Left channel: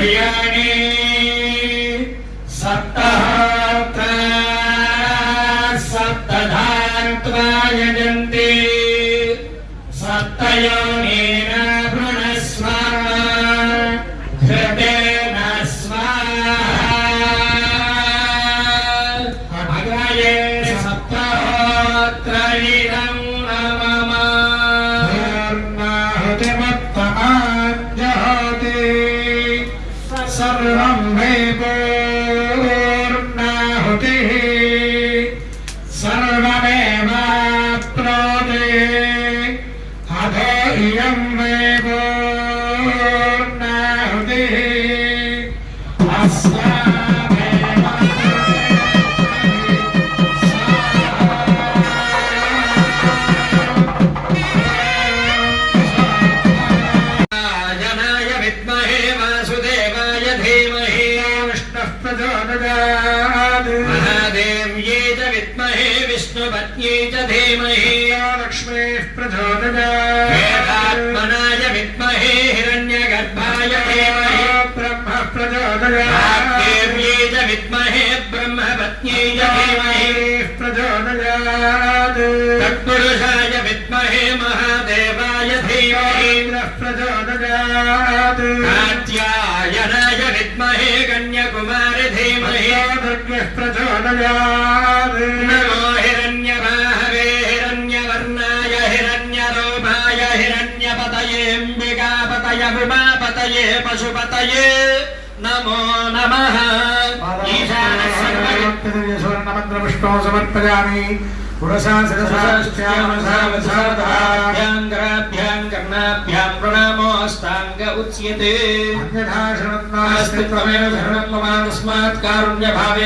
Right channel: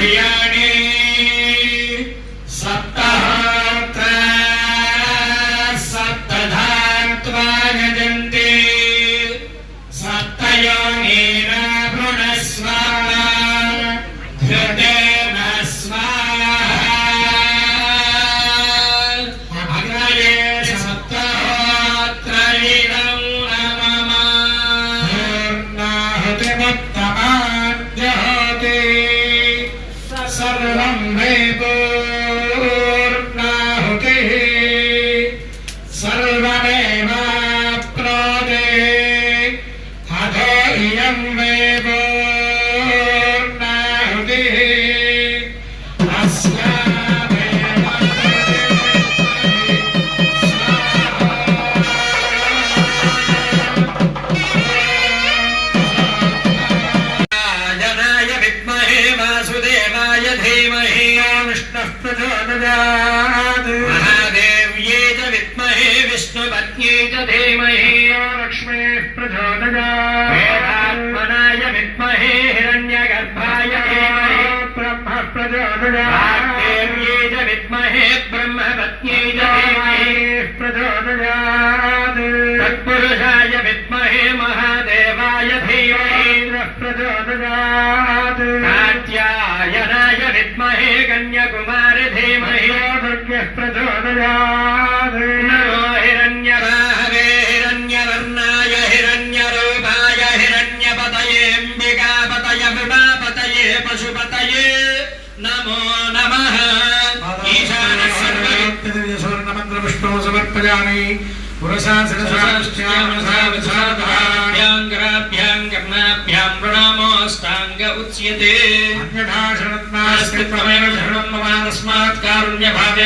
प्रियाणि सप्तहोत्र सप्तधात्वा यजन्ति सप्तयोनिन भुनस्व धृतेन स्वाहा अग्नये सप्तहोत्र इदं नमः पूर्णाहुतिमुत्तमाञ्जहोति सर्वं वै पूर्णाहुतिः सर्वमेवाप्नोति अधो इयं वै पूर्णाहुतिः अस्यामेव जनाय विद्महे वासुदेवाय धीमहि विष्णुः प्रचोदयात् महादेव्यै च विद्महे विष्णुपत्न्यै च धीमहि लक्ष्मीः प्रचोदयात् वेदात्मनाय विद्महे हिरण्यगर्भाय धीमहि ब्रह्मः प्रचोदयात् देव्यै च विद्महे ब्रह्मपत्न्यै च धीमहि प्रचोदयात् तत्पुरुषाय विद्महे महादेवाय धीमहि प्रचोदयात् कात्यायनाय विद्महे कन्याकुमारी धीमहि प्रचोदयात् नमो हिरण्यबाहवे हिरण्यवर्णाय हिरण्यरूपाय हिरण्यपतये अम्बिकापतये उमापतये पशुपतये नमो नमः ईशानस्य स्वर्णमन्त्र विष्णो समर्पयामि पुरसा सरसाश्चामसावसादाभ्यां कराभ्यां कर्णाभ्यां प्रणामोऽष्टाङ्ग उच्यते अन्यथा शरणं नास्ति त्वमेव शरणं मम तस्मात् कारुण्यभावे